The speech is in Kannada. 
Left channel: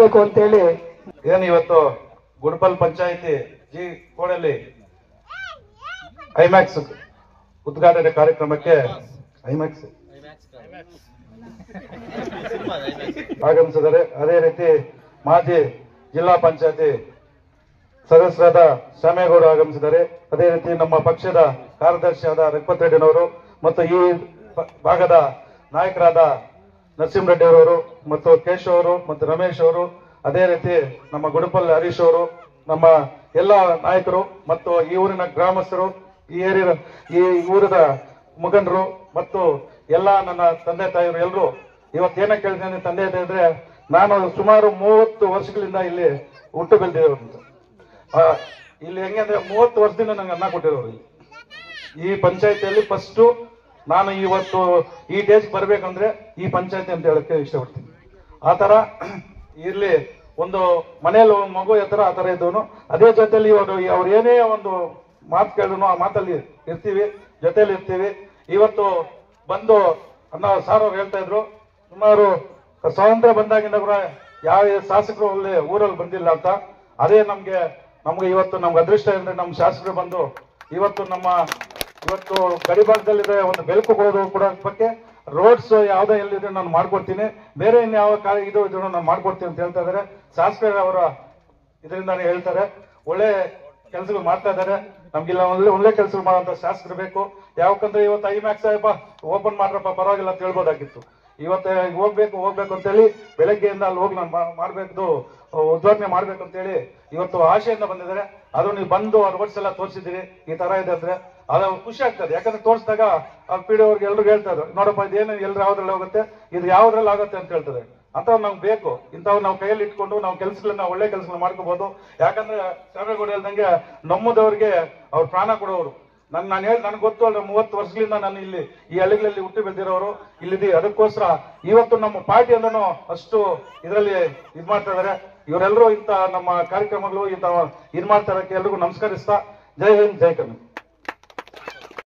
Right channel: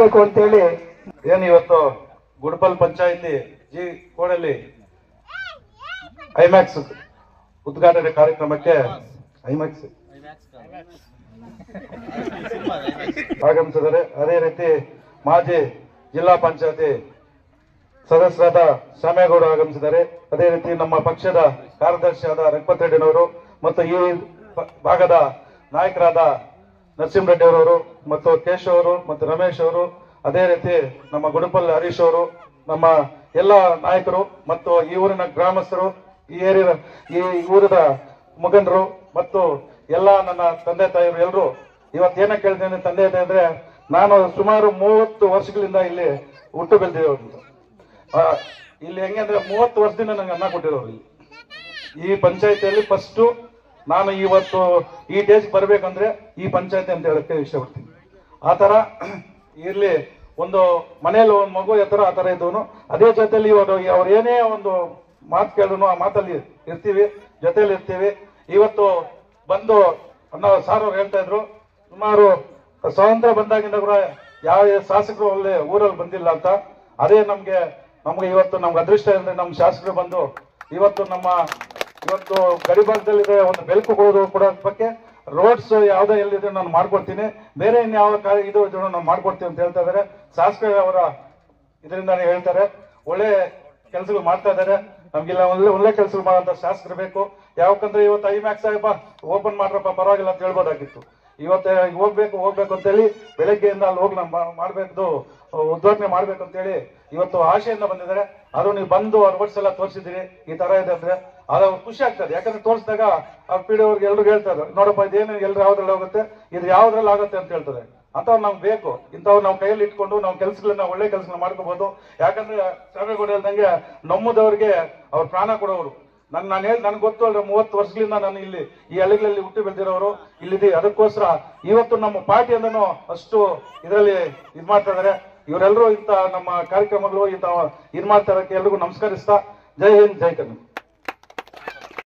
ಮಾಡಬೇಕು ಅಂತೇಳಿ ಏನು ಇವತ್ತು ಗುಡ್ಬಲ್ ಪಂಚಾಯಿತಿ ಜಿ ಕೋಡಲ್ಲಿ ಐಮ್ಯಾಕ್ಸ್ ಉದ್ಘಾಟನೆ ಕಾರ್ಯಕ್ರಮಕ್ಕೆ ಐಮ್ಯಾಕ್ಸ್ ಆಗಮಿಸಿದ್ದಾರೆ. ಅದೇ ರೀತಿ ಮಾಜಿ ಜಿಲ್ಲಾ ಪಂಚಾಯತಿ ಸದಸ್ಯರಾದ ಶ್ಯಾಮೇಗೌಡ ಆಗಮಿಸಿದ್ದಾರೆ. ಅದೇ ರೀತಿ ನಮ್ಮ ಪಕ್ಷದ ಕಾರ್ಯದರ್ಶಿಯಾದ ರಘುಪತ್ ರೆಡ್ಡಿನವರು ಮತ್ತು ಈ ಭಾಗದ ನಾಯಕರಾದ ನರಸಿಂಹರೆಡ್ಡಿ ಅವರವರು ಮತ್ತು ಕೇಶವ್ ಅವರು ಮತ್ತು ರಮೇಶ್ ಅವರು, ಅದೇ ರೀತಿ ನಮ್ಮ ಗುಡುಪಲ್ ಹರೀಶ್ ಅವರು, ನಮ್ಮ ಎಲ್ಲ ನಾಯಕರು ಮತ್ತು ಈ ಊರಿನ ಗ್ರಾಮಸ್ಥರು, ಈ ಊರದ ಮುಖಂಡರು ಮತ್ತು ಎಲ್ಲ ನನ್ನ ತಂದೆ ತಾಯಿರು ಎಲ್ಲರೂ ಇವತ್ತೇನ ಕೇಳಿದ್ದೇನೆ ತಂದೆ ತಾಯಿ ಅಂದ್ರೆ, ನಾನು ಸುಮಾರು 30 ವರ್ಷಗಳಿಂದ ಇಲ್ಲಿ ಹುಟ್ಟು ಬೆಳೆದಿರೋರು. ಇಲ್ಲಿ ಹೆಂಗೆ ಅಂದ್ರೆ 30 ವರ್ಷದಿಂದ ನಂಗೆ ಅನ್ನ ಕೊಟ್ಟಿರೋರು. ಈ ಪಂಚಾಯತಿಯಲ್ಲಿ ಫಸ್ಟ್ ನಾನು ಇವತ್ತು ಈ ಡೇಜ್ ಬರ್ಬೇಕಂದ್ರೆ ಈ ಪಂಚಾಯತಿ ಅಂತ ಹೇಳಕ್ಕೆ ಇಷ್ಟಪಡ್ತೀನಿ. ಆತರ ಇಲ್ಲಿ ಒಂದು ಮನೆಯಲ್ಲಿ ಒಂದು ಮಗು ಎತ್ತರ ಆತರ ಇದ್ದವನು, ಅದೇ ಜೊತೆಲಿ ಇವಾಗ ಅವ್ರು ಏನೇ ಒಂದು ಮಾತು ಕೇಳಿದ್ರು ಆ ಮಾತಲ್ಲಿ ಇರ್ತೀವಿ, ಜೊತೆಲಿ ಇರ್ತೀವಿ. ಇವತ್ತು ಬಂದು ಅಣ್ಣ ಸಾರ್ ಅವ್ರು ಹೇಳ್ತಾ ಇದ್ರು, ಸುಮಾರು ಸ್ವಾತಂತ್ರ್ಯ ಬಂದಾಗಿಂದ ಕೂಡ ಯಾವ ಶಾಸಕರು ಒಳ್ಳೆ ಊರಲ್ಲಿ ಬಂದಿಲ್ಲ ಅಂತ. ಅದೇ ನಮ್ಗೆ ಇವತ್ತು ನಮ್ಗೆ ಅದೃಷ್ಟ ಅಂದ್ರೆ ನಮ್ಮ ಶಾಸಕರು ಬಂದು ಇವತ್ತು ಗಡಿಭಾಗದಲ್ಲಿದೆ ಒಂದು ಬೆಳಕು ಕೊಡೋದಕ್ಕೆ ರೋಡ್ಸ್ ಯಾವ್ದೋ ಎಲ್ಲಿದೆ ನಾನು ಮಾಡ್ಕೊಡ್ತೀನಿ, ಬೇರೆ ಇನ್ಯಾವ ಇದು ನಾನು ಮಾಡ್ಕೊಡ್ತೀನಿ ಅಂತ ಹೇಳ್ತಾ ಇದಾರೆ. ಶಾಸಕರು ಅವರ ಇದರಿಂದಾನೇ ಹೇಳ್ತಾರೆ, ಒಳ್ಳೆ ಕೆಲಸಗಳು ಮಾಡ್ತಾ ಇದಾರೆ. ನಮ್ಗಿಲ್ಲ ಒಳ್ಳೆ ಕೆಲಸಗಳು ಮಾಡುವಂತ ಶಾಸಕರು ಬೇಕು. ಯಾಕಂದ್ರೆ ಇವತ್ತು ಐಮ್ಯಾಕ್ಸ್ ಓಪನ್ ಮಾಡ್ರಪ್ಪ ಪರವಾಗಿಲ್ಲ ಅಂತ ಹೇಳ್ಬೋದಾಗಿತ್ತು. ಇವತ್ತು ಹೋಗ್ಬೇಕು ಅಂತ ಹೇಳಿ ಬೆಳಗ್ಗೆಯಿಂದ ಅಲ್ಲಿ ಹೋಗಿ ನಾನು ಮಾಡ್ಬೇಕು, ಉದ್ಘಾಟನೆ ಮಾಡ್ಬೇಕು ಅಂತ ಹೇಳಿ ಇವತ್ತು ಆಶೆಯಿಂದ ಬಂದಿದ್ದಾರೆ. ಅದು ನೀವು ಬಂದು ರೋಡ್ಸ್ ಎಲ್ಲ ತೋರಿಸಿದ್ದೀರಿ, ಈ ತರ ಇದೆ ಅಂದ್ರೆ ಅದು ಖುಷಿ ಆಗ್ತದೆ. ಯಾಕಂದ್ರೆ ತೋರಿಸಿದಾಗ ಆ ಪೀಡಿ ಅವ್ರಿಗೆ ಎಲ್ರು ಹೇಳ್ತಾ ಇದ್ದಾರೆ, ನೋಡಪ್ಪ ಇದೇನು ಎಲ್ರು ಯಾವ್ದ್ರಲ್ಲಿ ಹೋಗುತ್ತೆ, ಇದು ಯಾವ್ದ್ರಲ್ಲಿ ಆಗುತ್ತೆ ಅಂತ ಹೇಳ್ತಾರೆ. ಅಂತವ್ ನಮ್ಗೆ ಬೇಕು. ಇಂಥವ್ ನಾವು ಕೈಯಲ್ಲಿ ಇಟ್ಕೊಂಡು ನಾವು ಕೆಲಸಗಳನ್ನ ಒಳ್ಳೆ ಕೆಲಸಗಳನ್ನ ಮಾಡ್ಕೋಬಹುದು. ಯಾಕಂದ್ರೆ ಶ್ಯಾಮೇಗೌಡ ಹೇಳ್ದಂಗೆ ನಮ್ಮದವ್ರಿಗೆ ಅವ್ರ ಪ್ರಾಣ ಕೊಡೋರು. ನಾನು ಹೇಳಿ ನನ್ಗೆ ಗೊತ್ತು ಅಲ್ರ, 30 ವರ್ಷಗಳಿಂದ ನಾನು ಇಲ್ಲಿ ಈ ಹಳ್ಳಿಗಳಲ್ಲಿ ಹುಟ್ಟಿ ಬೆಳೆದಿರೋರು ಇಲ್ಲಿದೆ. ಅದಕ್ಕೋಸ್ಕರ ಇವತ್ತು ನಮ್ಮ ಪಾರ್ಟಿ ಅಂದನು ಅಷ್ಟು ಇದರಲ್ಲಿ ಇದ್ ಮಾಡ್ತಾ ಇದಾರೆ. ಇವರೆಲ್ಲರೂ ಇಂತ ನಮ್ಮ ಕಾರ್ಯಕ್ರಮಗಳು ಇಂತ ಇದ್ ಮಾಡ್ತಾ ಇರೋಕ್ಕೆ ಎಲ್ರಿಗೂ ನಮಸ್ಕರಿಸ್ತಾ, ಜೈ ಹಿಂದ್ ಜೈ ಕರ್ನಾಟಕ.